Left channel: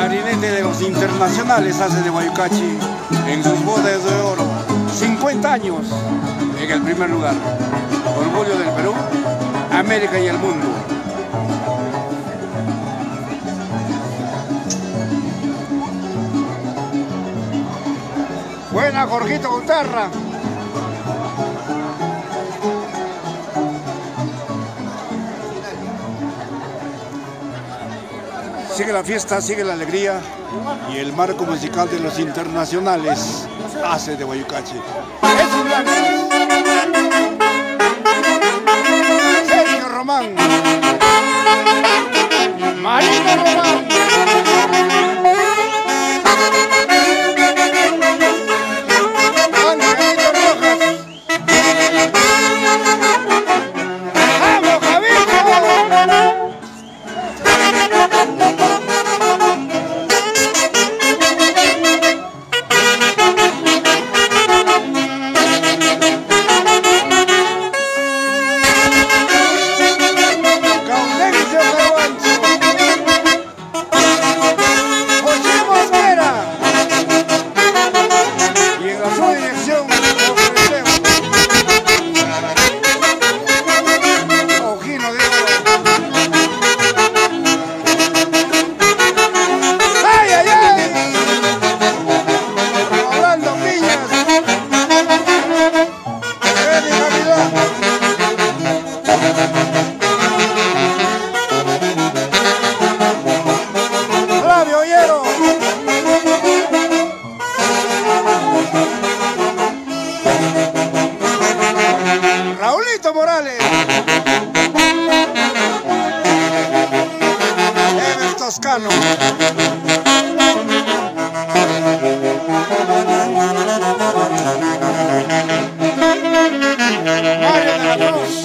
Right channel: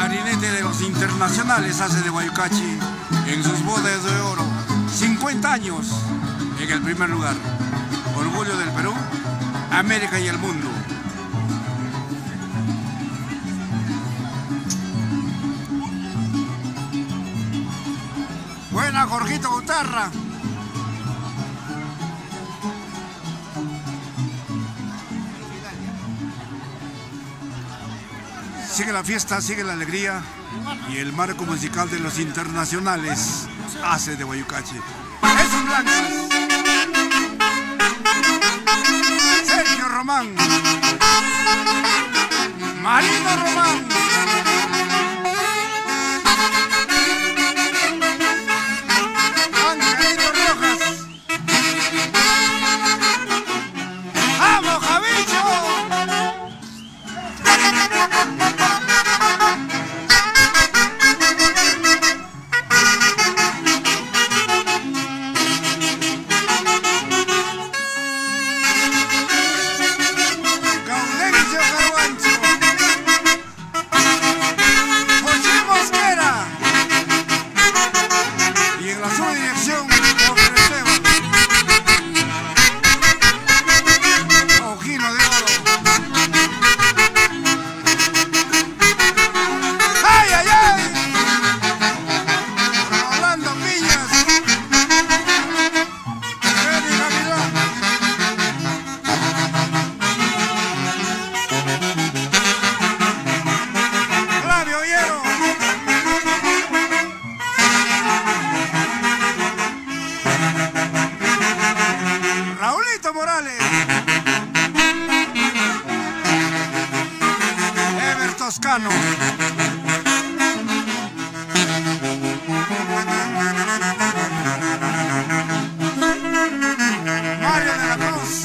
clarinete de los internacionales hace de Guayucachi en sus bodas de oro. 50 años en el primer lugar. Orgullo del Perú, América y el mundo. Buena, Jorgito Guitarra. Sigue la fiesta, sigue la alegría y el marco musical de los internacionales hace de Guayucachi. Es un blanco. Sergio Román. Marino Román. Angelito Rojas. ¡Vamos, Javicho! Raulito Morales, Ever Toscano, Mario de la Cruz,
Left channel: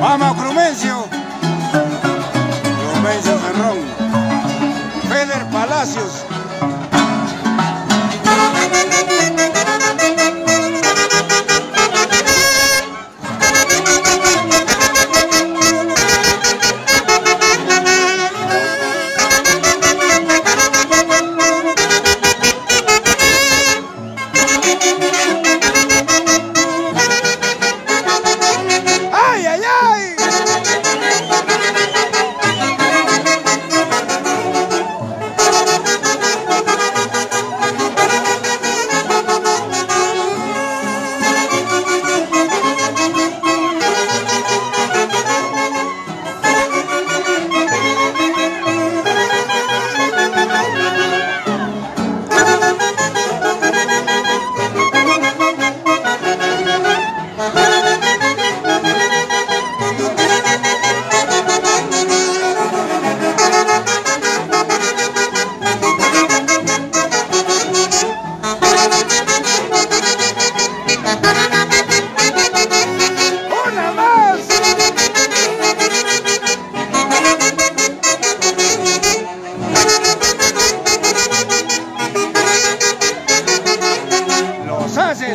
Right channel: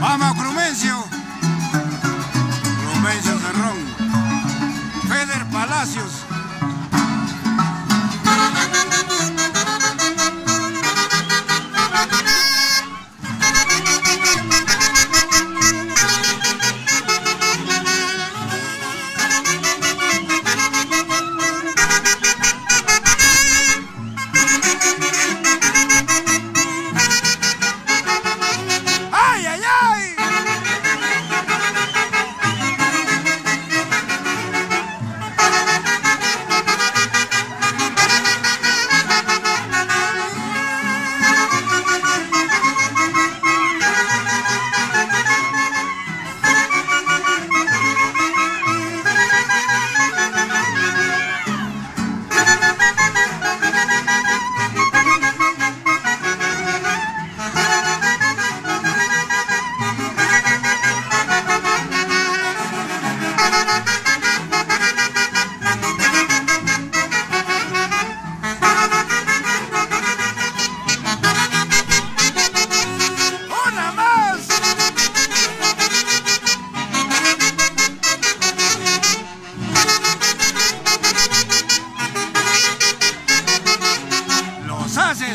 Mama Crumencio, Crumencio Ferrón, Feder Palacios,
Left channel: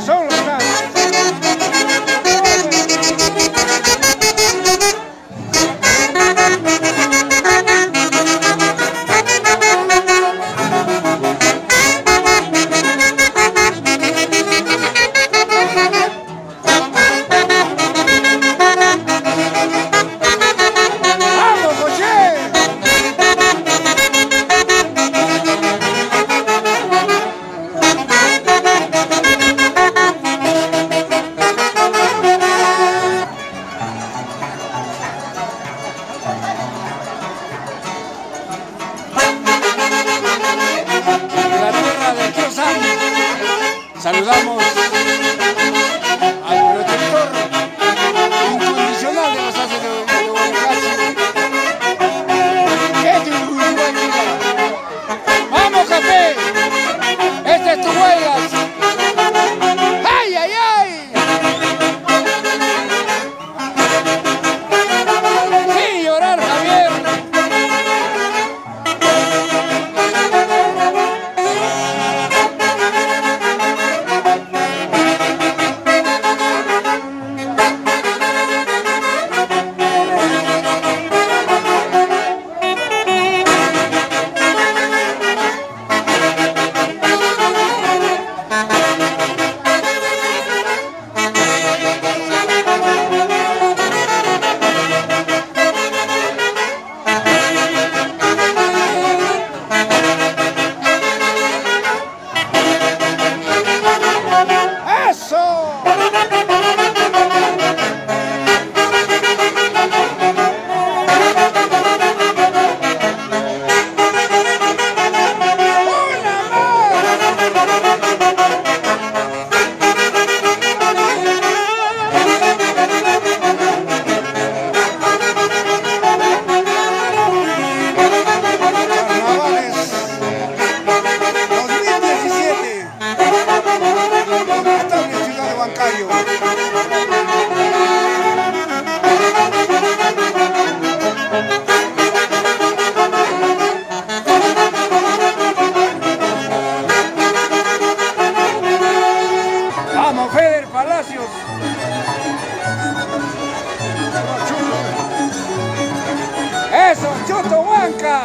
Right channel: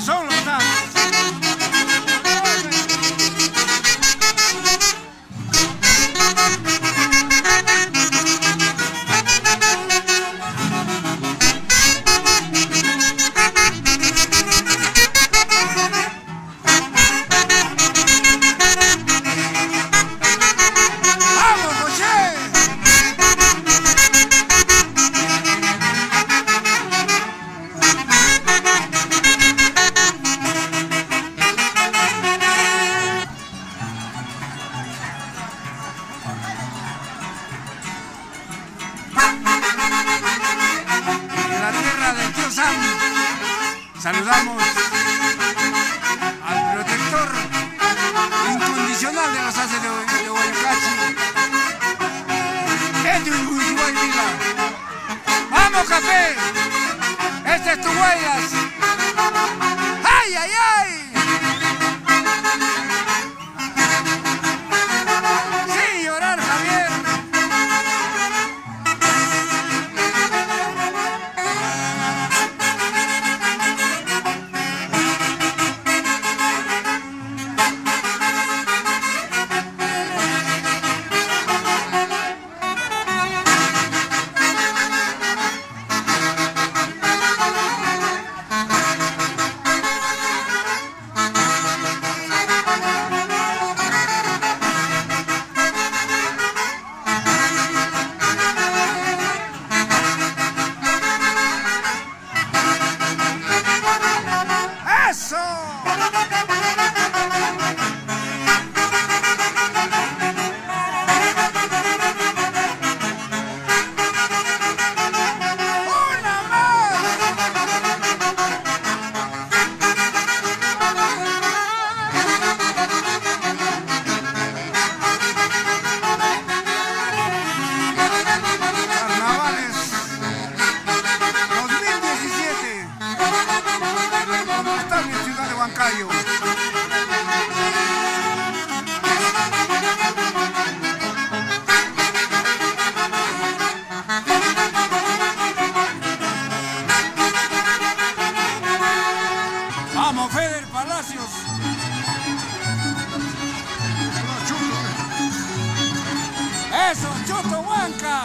son los saludamos al protector incondicional de los haces de Guayucachi, Edwin Guzmán Liga. ¡Vamos, café! ¡Este es tu huellas! ¡Ay, ay, ay! ¡Sí! Eso, Choto Huanca.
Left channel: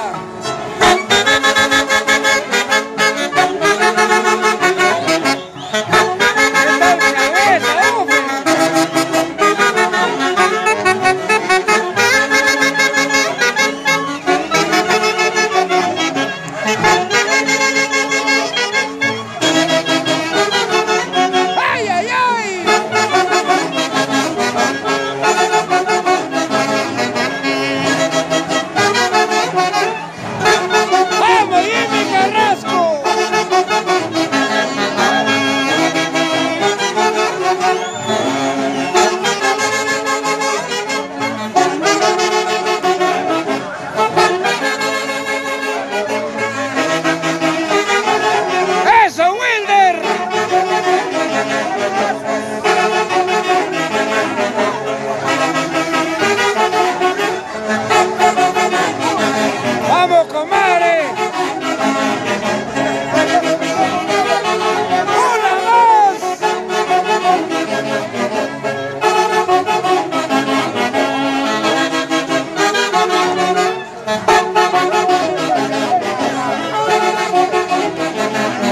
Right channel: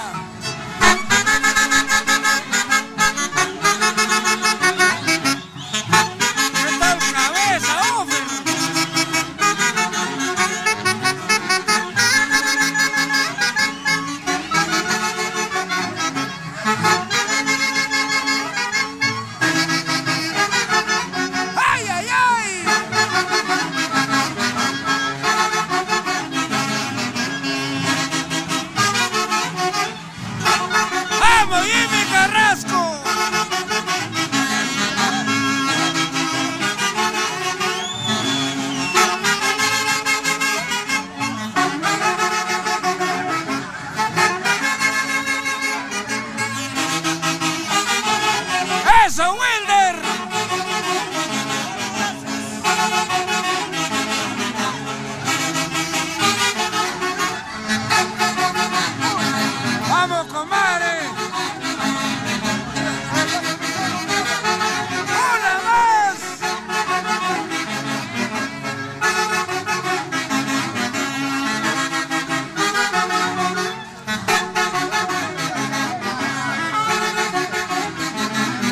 ¡Eso, Wilder! ¡Vamos, comadre! ¡Una más!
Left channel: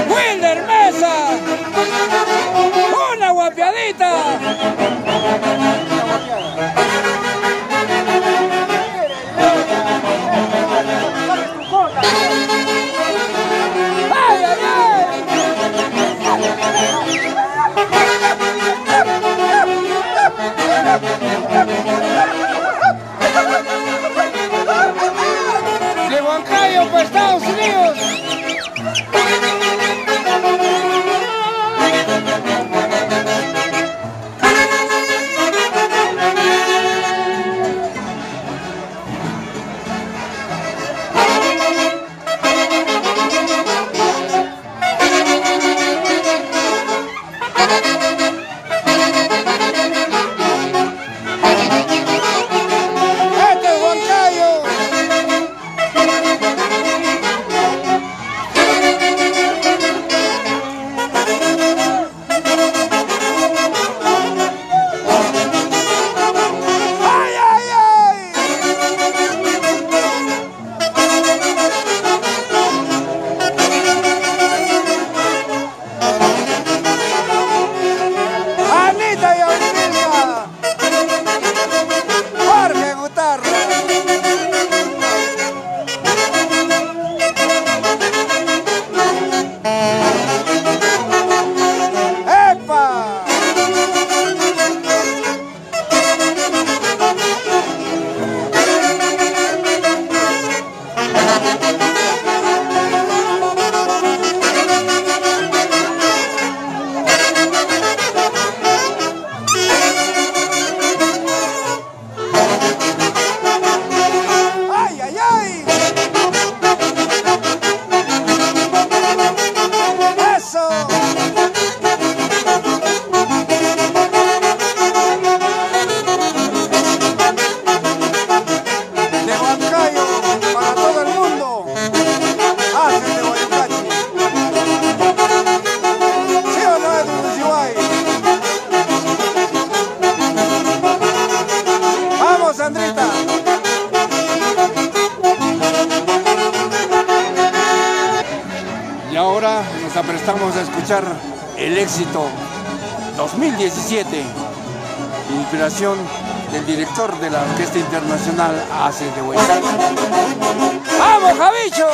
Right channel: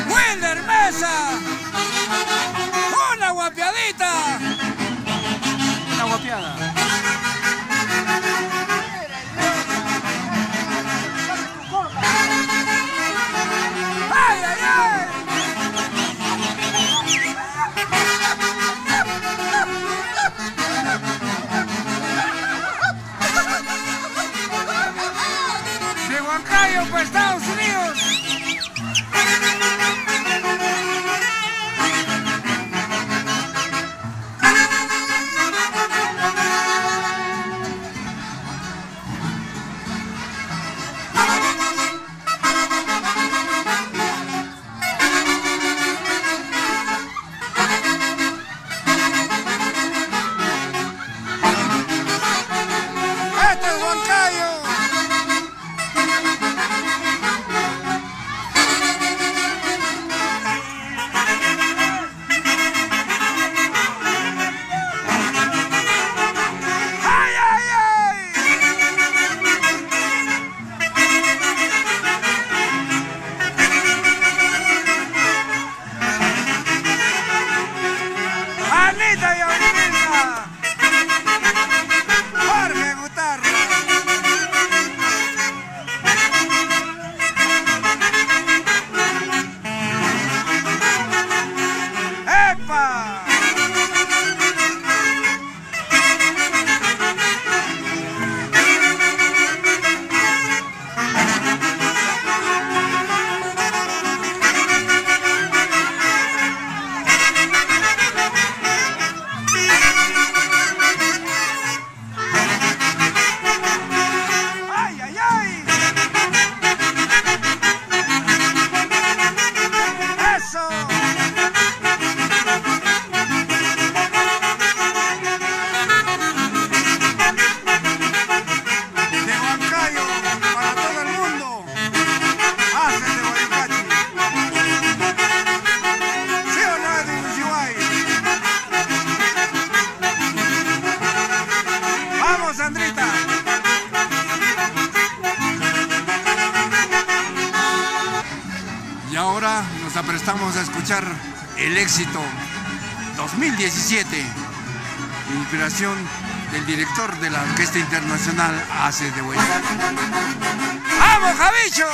¡Wilder Mesa! ¡Una guapiadita! ¡Ay, ay, ay! De Huancayo para Estados Unidos. ¡Este es Huancayo! ¡Ay, ay, ay! ¡Anita y Aurivilca! ¡Jorge Gutarra! ¡Epa! ¡Ay, ay, ay! ¡Eso! De Huancayo para todo el mundo. Hacen de Guayucachi. ¿Sí o no es de Uruguay? ¡Vamos, Sandrita! Y ahora nos aprestamos a escuchar el éxito 2017, inspiración del director de la Orquesta Internacional Haces de Huaycachi. ¡Vamos, Javicho!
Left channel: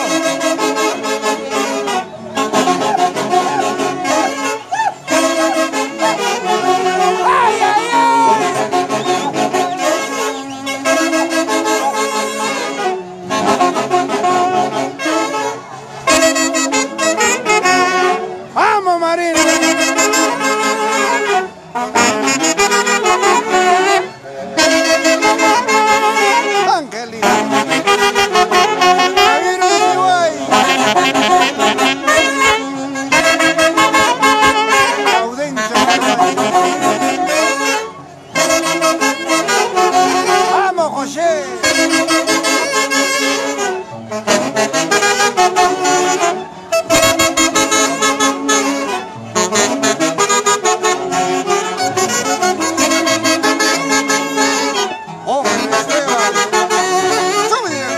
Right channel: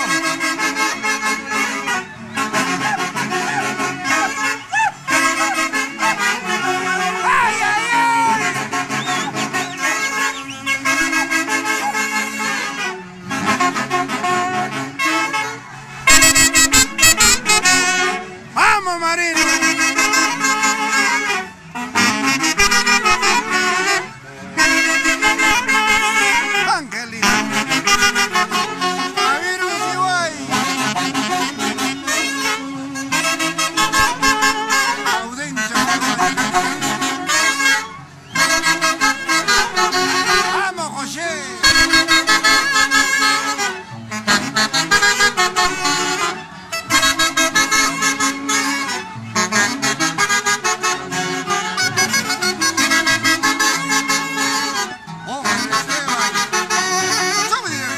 ¡Ay, ay, ay! ¡Vamos, Marina! ¡Angelina! ¡A ver, Uruguay! ¡Audencia! ¡Vamos, José! ¡Ojo, Esteban! ¡Súbele!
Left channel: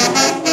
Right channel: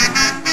Thank you.